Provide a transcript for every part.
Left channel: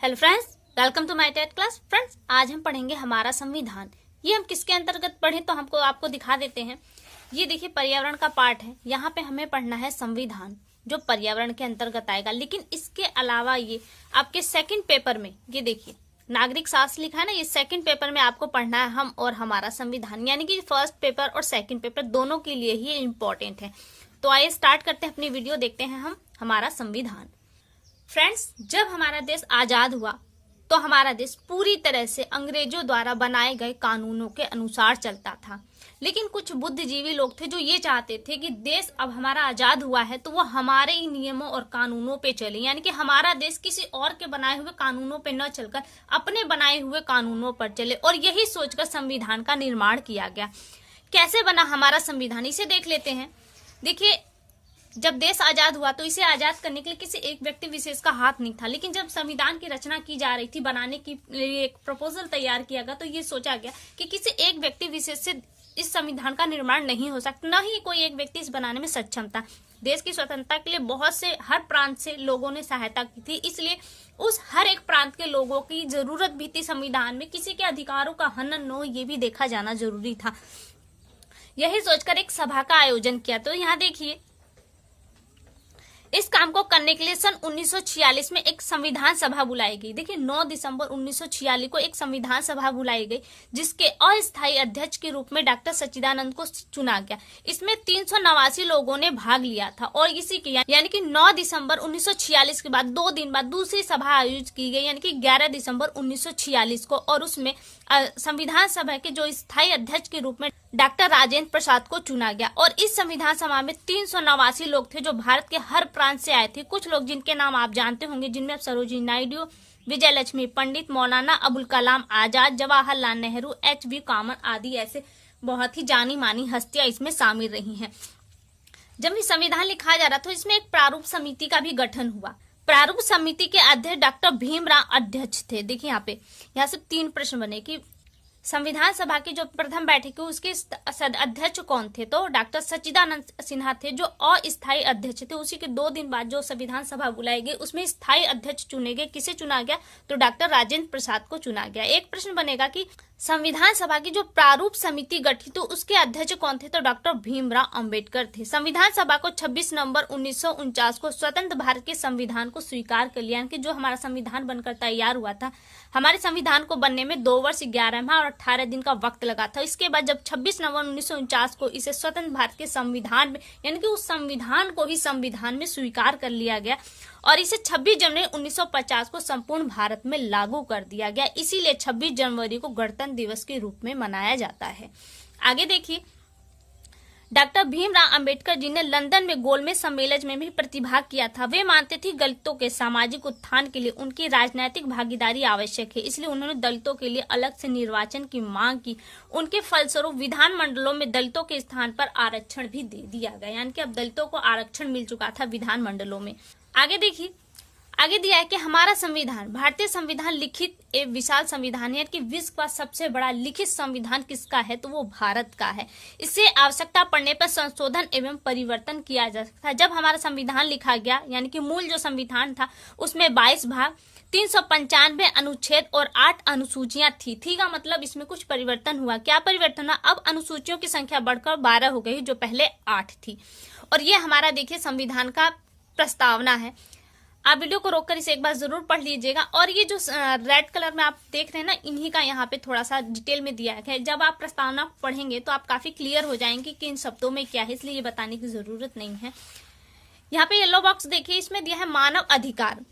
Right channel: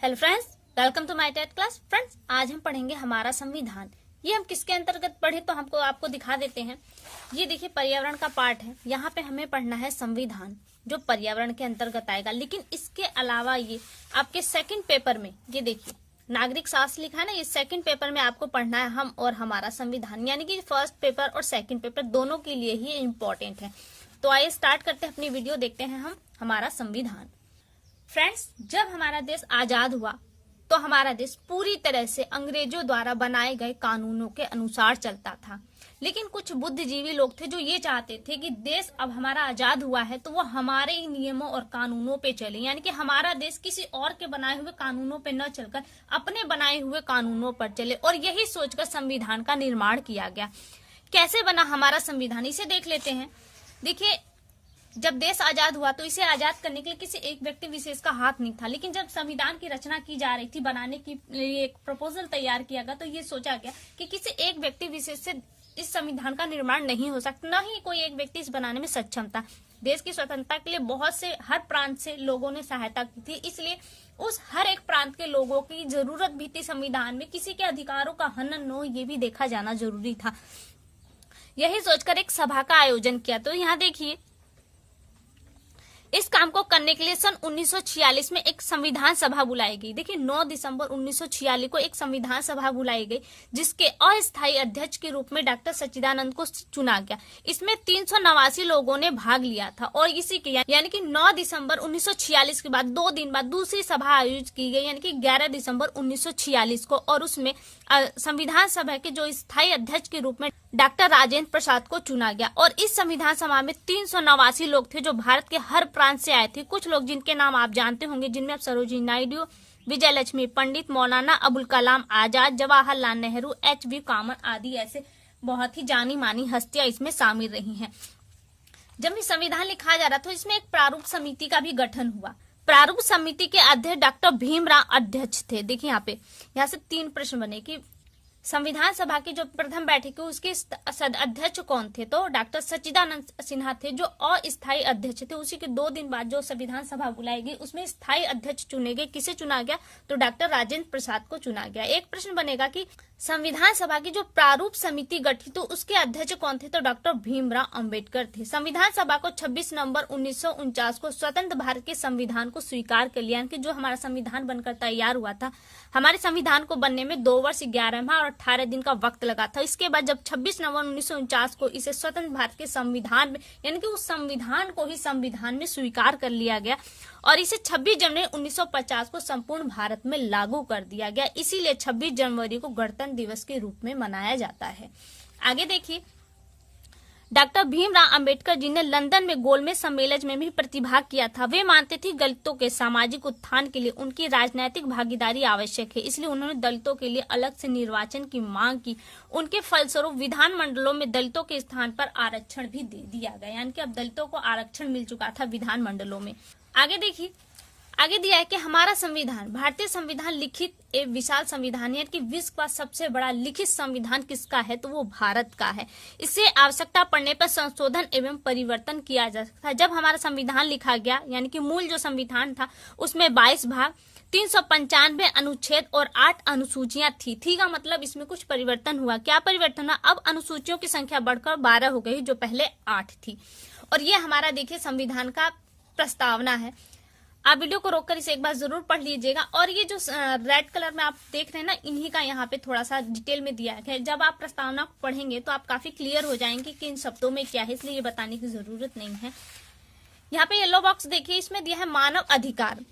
Hello friends, welcome to my TET class. Friends, आज हम पढ़ेंगे हमारा संविधान। ये हम किसके अंतर्गत पढ़े तो हमको आपको दिखा देते हैं। ये देखिए पर्यावरण का पार्ट है। यहाँ पे हमें पढ़ना है संविधान, जो पर्यावरण के अंतर्गत आएगा। लेकिन इसके अलावा ये आपके सेकंड पेपर में ये देखिए नागरिक शास्त्र लिखा है ना, ये सेकंड पेपर में आपको पढ़ना है हम और हमारा संविधान। यानी कि फर्स्ट पेपर और सेकंड पेपर दोनों के लिए ही इम्पोर्टेंट है। तो आइए स्टार्ट करते हैं अपनी वीडियो, देखते हैं हम हमारा संविधान। फ्रेंड्स, जब हमारा देश आजाद हुआ तो हमारा देश पूरी तरह से अंग्रेजों द्वारा बनाए गए कानूनों के अनुसार चलता था। लेकिन कुछ बुद्धिजीवी लोग थे जो ये चाहते थे कि देश अब हमारा आजाद हुआ है तो वो हमारे ही नियमों और कानूनों पे चले, यानी कि हमारा देश किसी और के बनाए हुए कानूनों पे न चलकर अपने बनाए हुए कानूनों पर चले। और यही सोचकर संविधान का निर्माण किया गया। कैसे बना हमारा संविधान, इसे देख लेते हैं। देखिए, जब देश आजाद हुआ तो इसे आजाद करने के लिए किसी एक व्यक्ति विशेष का हाथ नहीं था। लेकिन जब संविधान की रचना की जा रही थी, बनाने के लिए एक प्रपोजल तैयार किया गया, तो ये सोचा गया कि किसी एक व्यक्ति विशेष से इस संविधान का निर्माण नहीं हो सकता, न ही कोई एक व्यक्ति इस बनाने में सक्षम था। देश की स्वतंत्रता के लिए बहुत से हर प्रांत से लोगों ने सहायता की थी, इसलिए उस हर एक प्रांत के लोगों की जरूरत भी थी संविधान में। किसी के अधिकारों का हनन न हो, ये भी देखा जाना जरूरी था। यही सोचकर एक सभा का आयोजन किया। तो यहाँ देखिए, इस काम को करने के लिए सन 1946 में एक संविधान सभा बुलाई गई। देखिए, 9 दिसंबर 1946 को एक संविधान सभा बुलाई गई, जिसके अस्थायी अध्यक्ष के रूप में डॉक्टर सच्चिदानंद को चुना गया। इसमें 389 लोगों ने भाग लिया था और इसी के यानी कि 9 दिसंबर 1946 के बाद 2 दिन बाद दूसरी सभा आयोजित की गई, यानी कि 11 दिसंबर 1946 को। और उसमें संविधान सभा के जो स्थायी अध्यक्ष के रूप में डॉक्टर राजेंद्र प्रसाद को चुना गया। और इस संविधान सभा में 389 लोग थे जो भारत के हर प्रांत से आए थे। कुछ लोग जिनके नाम आप जानते होंगे, जिनमें सरोजिनी नायडू, विजय लक्ष्मी पंडित, मौलाना अबुल कलाम आजाद, जवाहरलाल नेहरू, एच.बी. कामत आदि ऐसे बहुत ही जानी मानी हस्तियां इसमें शामिल रही हैं। जब ये संविधान लिखा जा रहा था तो इसमें एक प्रारूप समिति का भी गठन हुआ। प्रारूप समिति के अध्यक्ष डॉक्टर भीमराव अध्यक्ष थे। देखिए यहाँ से 3 प्रश्न बने कि संविधान सभा की जो प्रथम बैठक है उसके अध्यक्ष कौन थे, तो डॉक्टर सच्चिदानंद सिन्हा थे जो अस्थायी अध्यक्ष थे। उसी के 2 दिन बाद जो संविधान सभा बुलाई गई उसमें स्थायी अध्यक्ष चुने गए। किसे चुना गया, तो डॉक्टर राजेंद्र प्रसाद को चुना गया। एक प्रश्न बनेगा कि संविधान सभा की जो प्रारूप समिति गठित तो उसके अध्यक्ष कौन थे, तो डॉक्टर भीमराव अंबेडकर थे। संविधान सभा को 26 नवंबर 1949 को स्वतंत्र भारत के संविधान को स्वीकार कर लिया, कि जो हमारा संविधान बनकर तैयार हुआ था, हमारे संविधान को बनने में 2 वर्ष 11 माह और 18 दिन का वक्त लगा था। इसके बाद जब 26 नवंबर 1949 को इसे स्वतंत्र भारत के संविधान में, यानी कि उस संविधान को ही संविधान में स्वीकार कर लिया गया और इसे 26 जनवरी 1950 को संपूर्ण भारत में लागू कर दिया गया। इसीलिए 26 जनवरी को गणतंत्र दिवस के रूप में मनाया जाता है। आगे देखिए, डॉक्टर भीमराव अंबेडकर जी ने लंदन में गोलमेज सम्मेलन में भी प्रतिभाग किया था। वे मानते थे दलितों के सामाजिक उत्थान के लिए उनकी राजनीतिक भागीदारी आवश्यक है, इसलिए उन्होंने दलितों के लिए अलग से निर्वाचन की मांग की। उनके फलस्वरूप विधानमंडलों में दलितों के स्थान पर आरक्षण भी दे दिया गया, यानी कि अब दलितों को आरक्षण मिल चुका था विधानमंडलों में। आगे देखिए, आगे दिया है कि हमारा संविधान, भारतीय संविधान लिखित एक विशाल संविधान है कि विश्व का सबसे बड़ा लिखित संविधान किसका है, तो वो भारत का है। इसे आवश्यकता पड़ने पर संशोधन एवं परिवर्तन किया जा सकता है। जब हमारा संविधान लिखा गया, यानी कि मूल जो संविधान था उसमें 22 भाग, 395 अनुच्छेद और 8 अनुसूचियां थी का मतलब इसमें कुछ परिवर्तन हुआ। क्या परिवर्तन हुआ, अब अनुसूचियों की संख्या बढ़कर 12 हो गई, जो पहले 8 थी। और ये हमारा देखिए संविधान का प्रस्तावना है। आप वीडियो को रोककर इसे एक बार जरूर पढ़ लीजिएगा। और ये जो रेड कलर में आप देख रहे हैं ना, इन्हीं का यहाँ पे थोड़ा सा डिटेल में दिया है। जब आप प्रस्तावना पढ़ेंगे तो आप काफी क्लियर हो जाएंगे कि इन शब्दों में क्या है, इसलिए ये बताने की जरूरत नहीं है। यहाँ पे येलो बॉक्स देखिए, इसमें दिया है मानव अधिकार।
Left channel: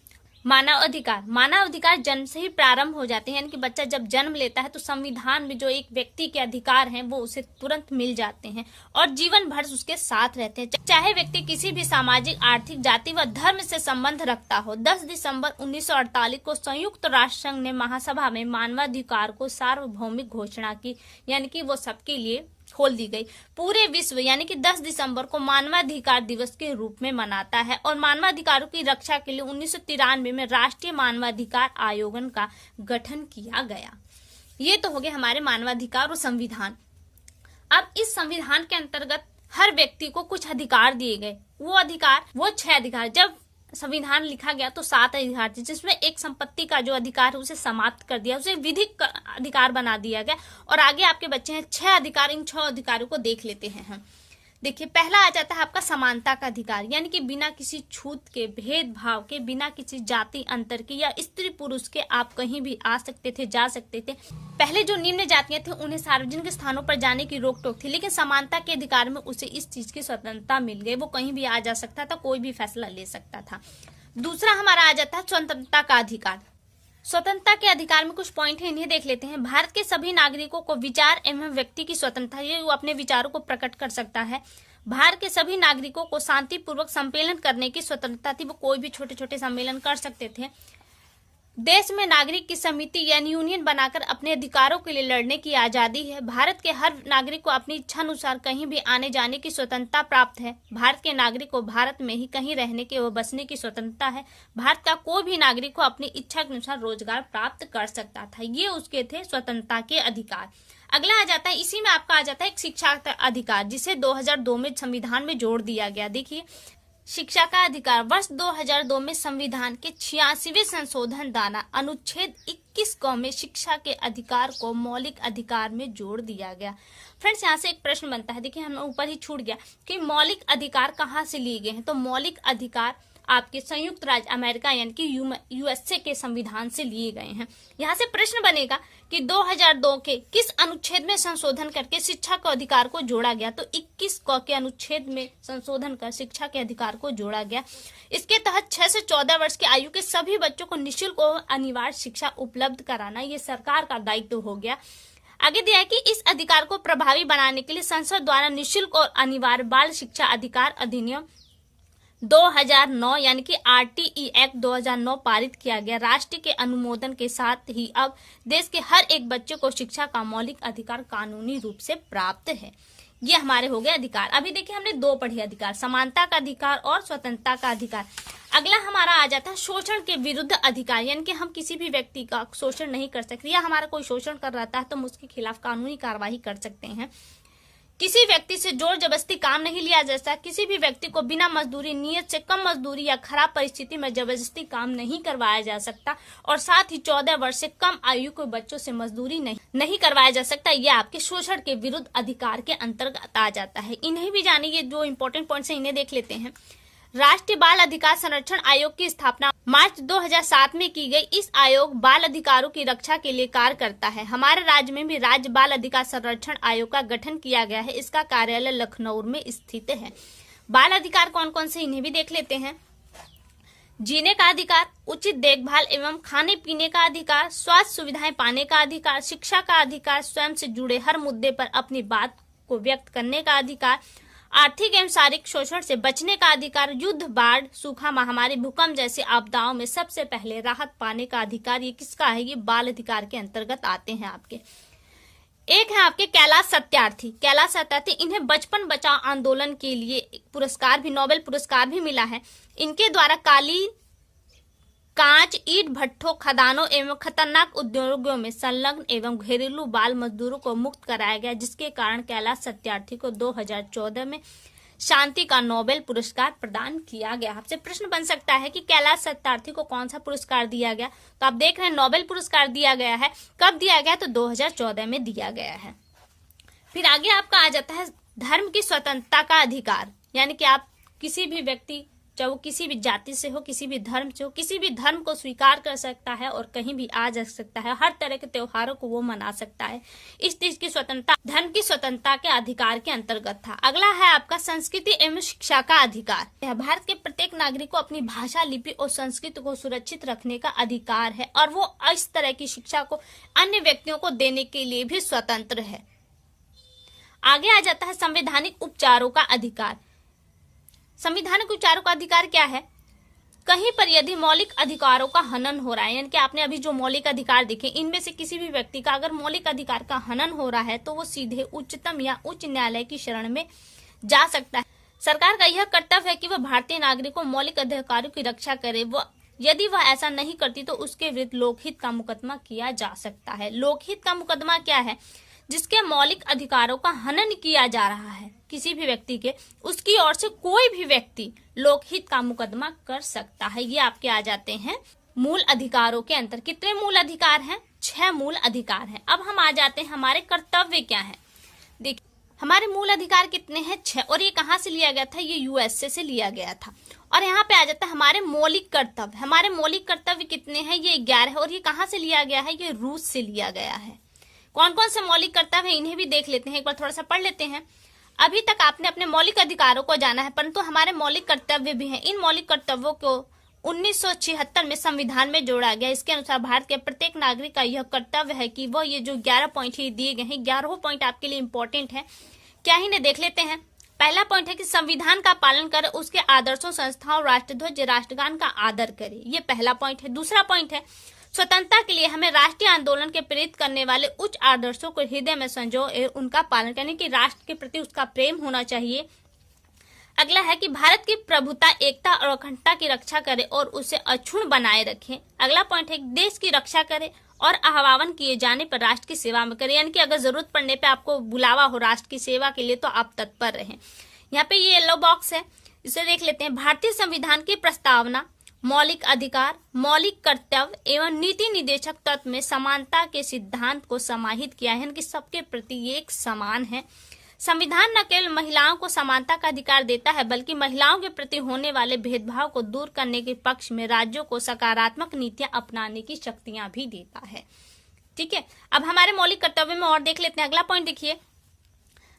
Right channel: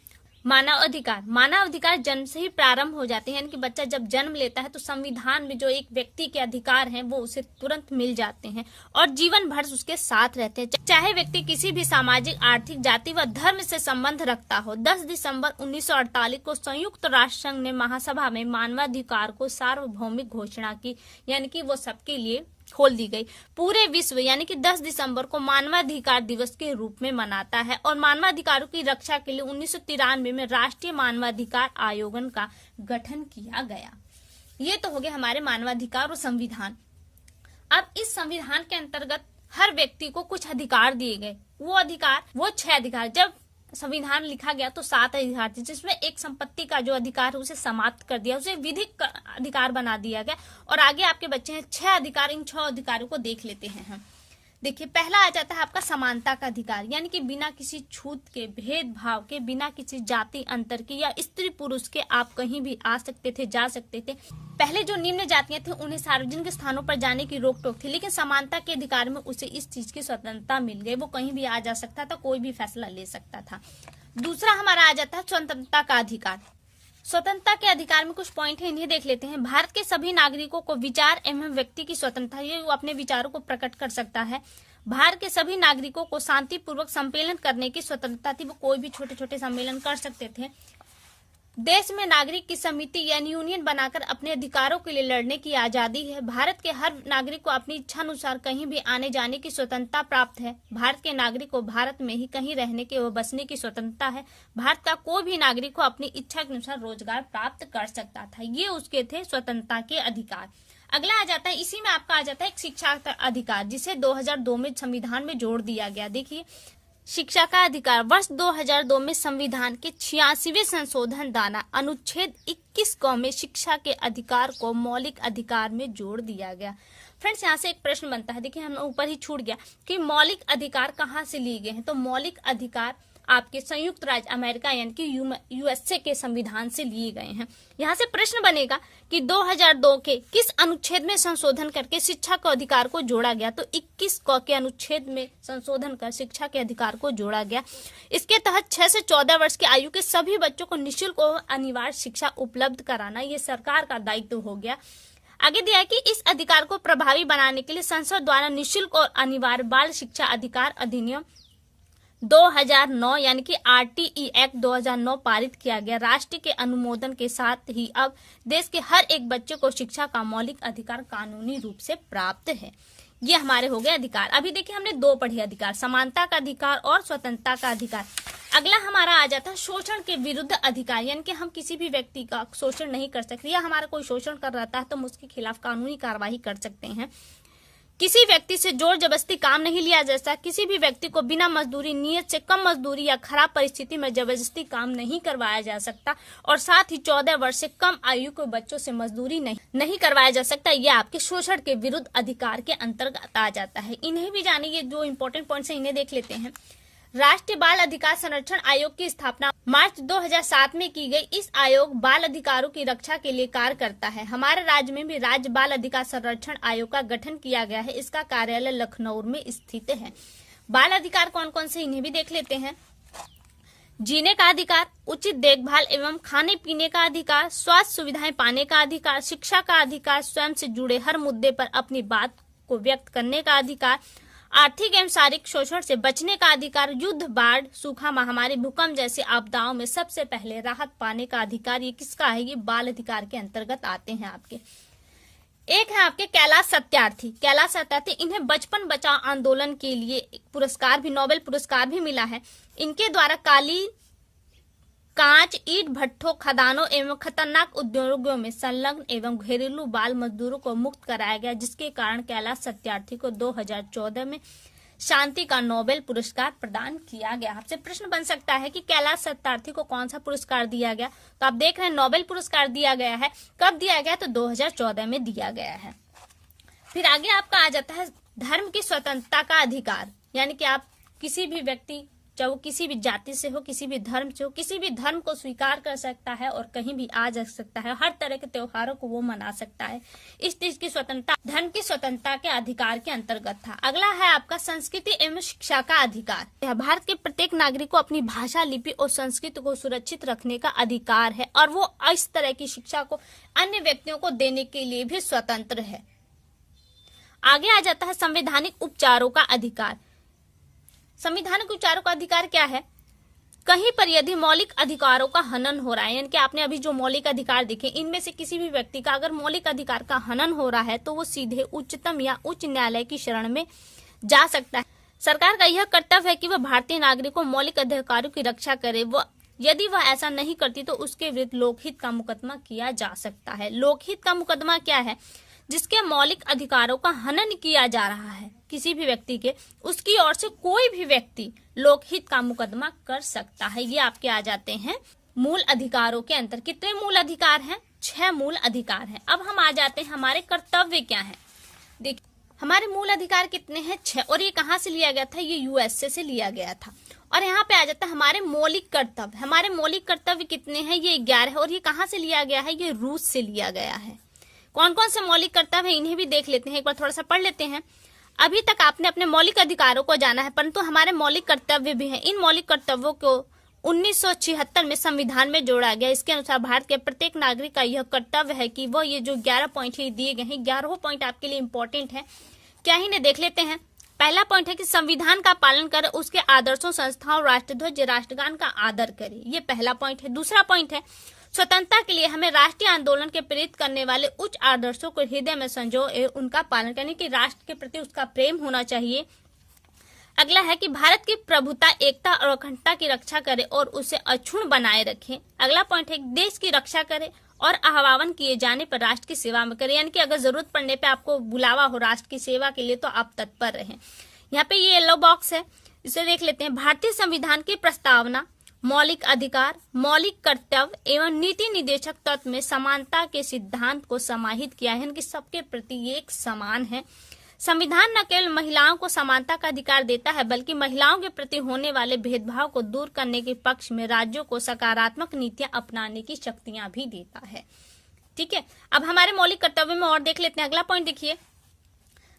मानव अधिकार जन्म से ही प्रारंभ हो जाते हैं, यानी कि बच्चा जब जन्म लेता है तो संविधान में जो एक व्यक्ति के अधिकार हैं वो उसे तुरंत मिल जाते हैं और जीवन भर उसके साथ रहते हैं, चाहे व्यक्ति किसी भी सामाजिक, आर्थिक, जाति व धर्म से संबंध रखता हो। 10 दिसंबर 1948 को संयुक्त राष्ट्र संघ ने महासभा में मानवाधिकार को सार्वभौमिक घोषणा की, यानी कि वो सबके लिए खोल दी गई। पूरे विश्व यानी कि 10 दिसंबर को मानवाधिकार दिवस के रूप में मनाता है और मानवाधिकारों की रक्षा के लिए 1993 में राष्ट्रीय मानवाधिकार आयोग का गठन किया गया। ये तो हो गए हमारे मानवाधिकार और संविधान। अब इस संविधान के अंतर्गत हर व्यक्ति को कुछ अधिकार दिए गए। वो 6 अधिकार, जब संविधान लिखा गया तो 7 अधिकार थे, जिसमें एक संपत्ति का जो अधिकार है उसे समाप्त कर दिया, उसे विधिक अधिकार बना दिया गया। और आगे आपके बच्चे हैं 6 अधिकार। इन 6 अधिकारों को देख लेते हैं हम। देखिए, पहला आ जाता है आपका समानता का अधिकार, यानी कि बिना किसी छूत के, भेदभाव के, बिना किसी जाति अंतर के या स्त्री पुरुष के आप कहीं भी आ सकते थे, जा सकते थे। पहले जो निम्न जातियां थी उन्हें सार्वजनिक स्थानों पर जाने की रोक टोक थी, लेकिन समानता के अधिकार में उसे इस चीज की स्वतंत्रता मिल गई। वो कहीं भी आ जा सकता था, कोई भी फैसला ले सकता था। दूसरा हमारा आ जाता है स्वतंत्रता का अधिकार। स्वतंत्रता के अधिकार में कुछ पॉइंट है, इन्हें देख लेते हैं। भारत के सभी नागरिकों को विचार एवं व्यक्ति की स्वतंत्रता, ये वो अपने विचारों को प्रकट कर सकता है। भारत के सभी नागरिकों को शांतिपूर्वक सम्मेलन करने की स्वतंत्रता थी, वो कोई भी छोटे छोटे सम्मेलन कर सकते थे। देश में नागरिक की समिति यानी यूनियन बनाकर अपने अधिकारों के लिए लड़ने की आजादी है। भारत के हर नागरिक को अपनी इच्छा अनुसार कहीं भी आने जाने की स्वतंत्रता प्राप्त है। भारत के नागरिक को भारत में ही कहीं रहने के व बसने की स्वतंत्रता है। भारत का कोई भी नागरिक को अपनी इच्छा के अनुसार रोजगार प्राप्त कर सकता था। ये उसके थे स्वतंत्रता के अधिकार। अगला आ जाता है, इसी में आपका आ जाता है एक शिक्षा का अधिकार, जिसे 2002 में संविधान में जोड़ दिया गया। देखिए, शिक्षा का अधिकार वर्ष 2002 में संविधान के 86वें संशोधन द्वारा अनुच्छेद 21 क में शिक्षा के अधिकार को मौलिक अधिकार में जोड़ दिया गया। फ्रेंड्स, यहाँ से एक प्रश्न बनता है, देखिए हम ऊपर ही छूट गया कि मौलिक अधिकार कहाँ से लिए गए हैं। तो मौलिक अधिकार आपके संयुक्त राज्य अमेरिका यानी कि यूएसए के संविधान से लिए गए हैं। यहाँ से प्रश्न बनेगा कि 2002 के किस अनुच्छेद में संशोधन करके शिक्षा के अधिकार को जोड़ा गया। तो 21 क के अनुच्छेद में संशोधन कर शिक्षा के अधिकार को जोड़ा गया। इसके तहत 6 से 14 वर्ष की आयु के सभी बच्चों को निःशुल्क और अनिवार्य शिक्षा उपलब्ध कराना ये सरकार का दायित्व हो गया। आगे दिया है कि इस अधिकार को प्रभावी बनाने के लिए संसद द्वारा निःशुल्क और अनिवार्य बाल शिक्षा अधिकार अधिनियम 2009 यानी कि आरटीई एक्ट 2009 पारित किया गया। राष्ट्र के अनुमोदन के साथ ही अब देश के हर एक बच्चे को शिक्षा का मौलिक अधिकार कानूनी रूप से प्राप्त है। ये हमारे हो गए अधिकार। अभी देखिए हमने 2 पढ़े अधिकार, समानता का अधिकार और स्वतंत्रता का अधिकार। अगला हमारा आ जाता है शोषण के विरुद्ध अधिकार, यानी कि हम किसी भी व्यक्ति का शोषण नहीं कर सकते, या हमारा कोई शोषण कर रहा है तो हम उसके खिलाफ कानूनी कार्रवाई कर सकते हैं। किसी व्यक्ति से जोर जबरदस्ती काम नहीं लिया जा सकता। किसी भी व्यक्ति को बिना मजदूरी, नियत से कम मजदूरी या खराब परिस्थिति में जबरदस्ती काम नहीं करवाया जा सकता। और साथ ही 14 वर्ष से कम आयु के बच्चों से मजदूरी नहीं करवाया जा सकता। यह आपके शोषण के विरुद्ध अधिकार के अंतर्गत आ जाता है। इन्हें भी जानिए, ये जो इंपॉर्टेंट पॉइंट्स हैं इन्हें देख लेते हैं। राष्ट्रीय बाल अधिकार संरक्षण आयोग की स्थापना मार्च 2007 में की गई। इस आयोग बाल अधिकारों की रक्षा के लिए कार्य करता है। हमारे राज्य में भी राज्य बाल अधिकार संरक्षण आयोग का गठन किया गया है। इसका कार्यालय लखनऊ में स्थित है। बाल अधिकार कौन कौन से, इन्हें भी देख लेते हैं। जीने का अधिकार, उचित देखभाल एवं खाने पीने का अधिकार, स्वास्थ्य सुविधाएं पाने का अधिकार, शिक्षा का अधिकार, स्वयं से जुड़े हर मुद्दे पर अपनी बात को व्यक्त करने का अधिकार, आर्थिक एवं शारीरिक शोषण से बचने का अधिकार, युद्ध, बाढ़, सूखा, महामारी, भूकंप जैसे आपदाओं में सबसे पहले राहत पाने का अधिकार। ये किसका है? ये बाल अधिकार के अंतर्गत आते हैं आपके। एक है आपके कैलाश सत्यार्थी। कैलाश सत्यार्थी, इन्हें बचपन बचाओ आंदोलन के लिए पुरस्कार भी, नोबेल पुरस्कार भी मिला है। इनके द्वारा कालीन, कांच, ईंट भट्ठों, खदानों एवं खतरनाक उद्योगों में संलग्न एवं घरेलू बाल मजदूरों को मुक्त कराया गया, जिसके कारण कैलाश सत्यार्थी को 2014 में शांति का नोबेल पुरस्कार प्रदान किया गया। आपसे प्रश्न बन सकता है कि कैलाश सत्यार्थी को कौन सा पुरस्कार दिया गया। तो आप देख रहे हैं नोबेल पुरस्कार दिया गया है। कब दिया गया? तो 2014 में दिया गया है। फिर आगे आपका आ जाता है धर्म की स्वतंत्रता का अधिकार, यानी कि आप किसी भी व्यक्ति, चाहे वो किसी भी जाति से हो, किसी भी धर्म से हो, किसी भी धर्म को स्वीकार कर सकता है और कहीं भी आ जा सकता है। हर तरह के त्योहारों को वो मना सकता है। इस चीज की स्वतंत्रता धर्म की स्वतंत्रता के अधिकार के अंतर्गत था। अगला है आपका संस्कृति एवं शिक्षा का अधिकार। भारत के प्रत्येक नागरिक को अपनी भाषा, लिपि और संस्कृति को सुरक्षित रखने का अधिकार है और वो इस तरह की शिक्षा को अन्य व्यक्तियों को देने के लिए भी स्वतंत्र है। आगे आ जाता है संवैधानिक उपचारों का अधिकार। संवैधानिक उपचारों का अधिकार क्या है? कहीं पर यदि मौलिक अधिकारों का हनन हो रहा है, यानी कि आपने अभी जो मौलिक अधिकार देखे, इनमें से किसी भी व्यक्ति का अगर मौलिक अधिकार का हनन हो रहा है तो वो सीधे उच्चतम या उच्च न्यायालय की शरण में जा सकता है। सरकार का यह कर्तव्य है कि वह भारतीय नागरिकों मौलिक अधिकारों की रक्षा करे। यदि वह ऐसा नहीं करती तो उसके विरुद्ध लोकहित का मुकदमा किया जा सकता है। लोकहित का मुकदमा क्या है? जिसके मौलिक अधिकारों का हनन किया जा रहा है किसी भी व्यक्ति के, उसकी ओर से कोई भी व्यक्ति लोकहित का मुकदमा कर सकता है। ये आपके आ जाते हैं मूल अधिकारों के अंतर। कितने मूल अधिकार हैं? 6 मूल अधिकार हैं। अब हम आ जाते हैं हमारे कर्तव्य क्या है। देखिए हमारे मूल अधिकार कितने हैं? 6। और ये कहाँ से लिया गया था? ये यूएसए से लिया गया था। और यहाँ पे आ जाता है हमारे मौलिक कर्तव्य। हमारे मौलिक कर्तव्य कितने हैं? ये 11 है। और ये कहाँ से लिया गया है? ये रूस से लिया गया है। कौन कौन से मौलिक कर्तव्य है इन्हें भी देख लेते हैं, एक बार थोड़ा सा पढ़ लेते हैं। अभी तक आपने अपने मौलिक अधिकारों को जाना है, परंतु हमारे मौलिक कर्तव्य भी हैं। इन मौलिक कर्तव्यों को 1976 में संविधान में जोड़ा गया। इसके अनुसार भारत के प्रत्येक नागरिक का यह कर्तव्य है कि वह ये जो 11 पॉइंट ही दिए गए हैं, 11 पॉइंट आपके लिए इंपॉर्टेंट है। क्या ही ने देख लेते हैं। पहला पॉइंट है कि संविधान का पालन करे, उसके आदर्शों, संस्थाओं, राष्ट्रध्वज, राष्ट्रगान का आदर करे। ये पहला पॉइंट है। दूसरा पॉइंट है स्वतंत्रता के लिए हमें राष्ट्रीय आंदोलन के प्रेरित करने वाले उच्च आदर्शों को हृदय में संजोए उनका पालन करने की राष्ट्र के प्रति उसका प्रेम होना चाहिए। अगला है कि भारत की प्रभुता, एकता और अखंडता की रक्षा करे और उसे अक्षुण्ण बनाए रखे। अगला पॉइंट है देश की रक्षा करे और आह्वान किए जाने पर राष्ट्र की सेवा में करे, यानी कि अगर जरूरत पड़ने पे आपको बुलावा हो राष्ट्र की सेवा के लिए तो आप तत्पर रहें। यहाँ पे ये येलो बॉक्स है, इसे देख लेते हैं। भारतीय संविधान की प्रस्तावना मौलिक अधिकार, मौलिक कर्तव्य एवं नीति निदेशक तत्व में समानता के सिद्धांत को समाहित किया है, कि सबके प्रति एक समान है। संविधान न केवल महिलाओं को समानता का अधिकार देता है, बल्कि महिलाओं के प्रति होने वाले भेदभाव को दूर करने के पक्ष में राज्यों को सकारात्मक नीतियां अपनाने की शक्तियां भी देता है। ठीक है, अब हमारे मौलिक कर्तव्य में और देख लेते हैं। अगला पॉइंट देखिए,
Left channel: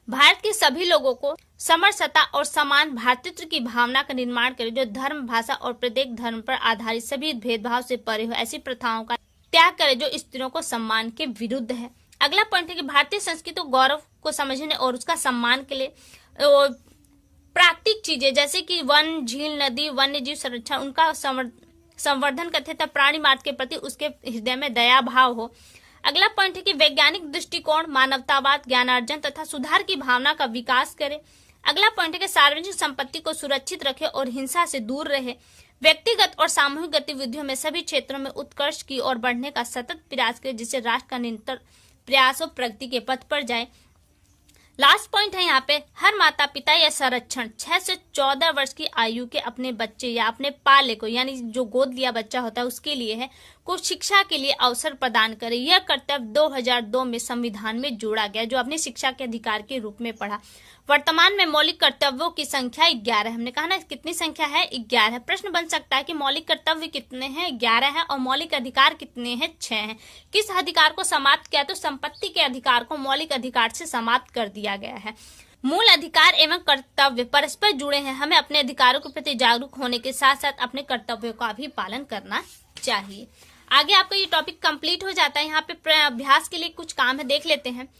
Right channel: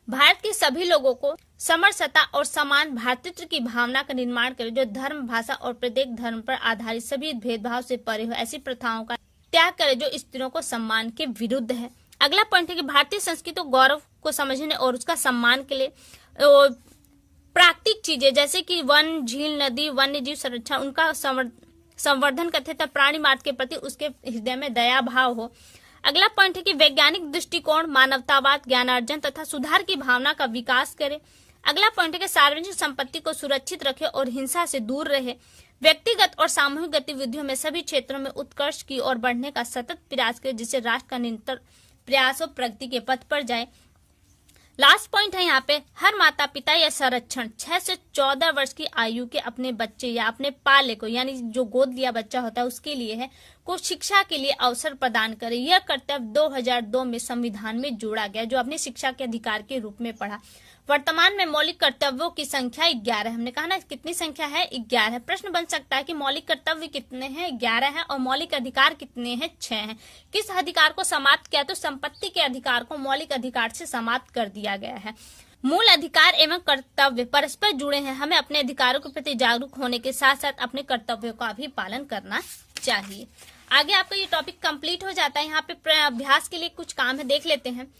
भारत के सभी लोगों को समरसता और समान भातृत्व की भावना का निर्माण करे, जो धर्म, भाषा और प्रत्येक धर्म पर आधारित सभी भेदभाव से परे हो। ऐसी प्रथाओं का त्याग करे जो स्त्रियों को सम्मान के विरुद्ध है। अगला पॉइंट है कि भारतीय संस्कृति और गौरव को समझने और उसका सम्मान के लिए प्राकृतिक चीजें जैसे कि वन, झील, नदी, वन्य जीव संरक्षण, उनका संवर्धन करते तथा प्राणी मात्र के प्रति उसके हृदय में दया भाव हो। अगला पॉइंट है कि वैज्ञानिक दृष्टिकोण, मानवतावाद, ज्ञानार्जन तथा सुधार की भावना का विकास करे। अगला पॉइंट है कि सार्वजनिक संपत्ति को सुरक्षित रखे और हिंसा से दूर रहे। व्यक्तिगत और सामूहिक गतिविधियों में सभी क्षेत्रों में उत्कर्ष की ओर बढ़ने का सतत प्रयास करे, जिससे राष्ट्र का निरंतर प्रयास और प्रगति के पथ पर जाए। लास्ट पॉइंट है यहाँ पे, हर माता पिता या संरक्षण 6 से 14 वर्ष की आयु के अपने बच्चे या अपने पाले को, यानी जो गोद लिया बच्चा होता है उसके लिए है, को शिक्षा के लिए अवसर प्रदान करे। यह कर्तव्य 2002 में संविधान में जोड़ा गया, जो अपने शिक्षा के अधिकार के रूप में पढ़ा। वर्तमान में मौलिक कर्तव्यों की संख्या 11। हमने कहा ना कितनी संख्या है? 11। प्रश्न बन सकता है कि मौलिक कर्तव्य कितने हैं? 11 है। और मौलिक अधिकार कितने हैं? 6 हैं। किस अधिकार को समाप्त किया? तो संपत्ति के अधिकार को मौलिक अधिकार से समाप्त कर दिया गया है। मूल अधिकार एवं कर्तव्य परस्पर जुड़े हैं। हमें अपने अधिकारों के प्रति जागरूक होने के साथ साथ अपने कर्तव्यों का भी पालन करना चाहिए। आगे आपका ये टॉपिक कंप्लीट हो जाता है। यहाँ पे अभ्यास के लिए कुछ काम है, देख लेते हैं।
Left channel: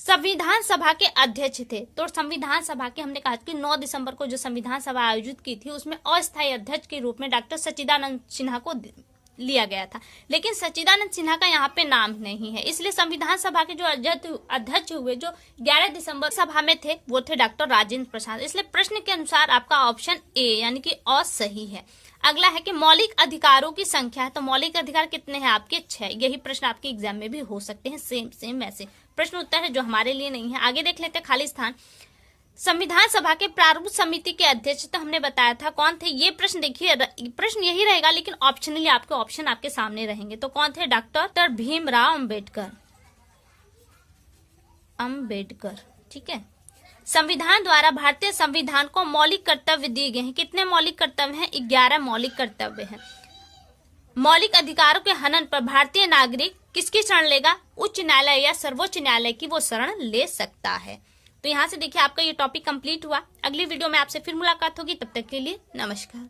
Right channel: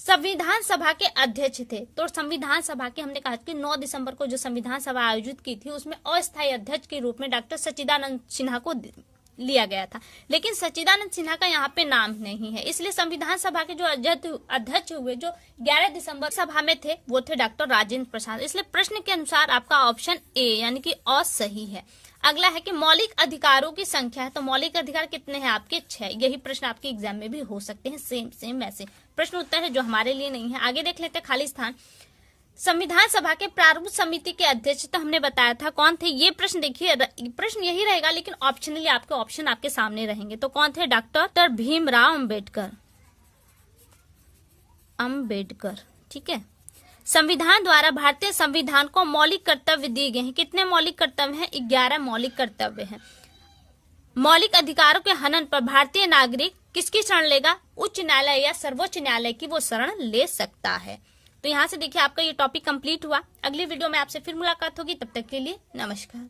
संविधान सभा के अध्यक्ष थे, तो संविधान सभा के हमने कहा कि 9 दिसंबर को जो संविधान सभा आयोजित की थी उसमें अस्थायी अध्यक्ष के रूप में डॉक्टर सच्चिदानंद सिन्हा को लिया गया था, लेकिन सच्चिदानंद सिन्हा का यहाँ पे नाम नहीं है। इसलिए संविधान सभा के जो अध्यक्ष हुए जो 11 दिसंबर सभा में थे वो थे डॉक्टर राजेंद्र प्रसाद। इसलिए प्रश्न के अनुसार आपका ऑप्शन ए यानी कि अ सही है। अगला है कि मौलिक अधिकारों की संख्या है, तो मौलिक अधिकार कितने हैं आपके? 6। यही प्रश्न आपके एग्जाम में भी हो सकते हैं, सेम वैसे प्रश्न उत्तर है जो हमारे लिए नहीं है। आगे देख लेते हैं खाली स्थान। संविधान सभा के प्रारूप समिति के अध्यक्ष तो हमने बताया था कौन थे। ये प्रश्न देखिए, प्रश्न यही रहेगा लेकिन ऑप्शनली आपके ऑप्शन आपके सामने रहेंगे। तो कौन थे? डॉक्टर भीमराव अम्बेडकर। ठीक है। संविधान द्वारा भारतीय संविधान को मौलिक कर्तव्य दिए गए हैं। कितने मौलिक कर्तव्य हैं? 11 मौलिक कर्तव्य हैं। मौलिक अधिकारों के हनन पर भारतीय नागरिक किसकी शरण लेगा? उच्च न्यायालय या सर्वोच्च न्यायालय की वो शरण ले सकता है। तो यहाँ से देखिए आपका ये टॉपिक कंप्लीट हुआ। अगली वीडियो में आपसे फिर मुलाकात होगी, तब तक के लिए नमस्कार।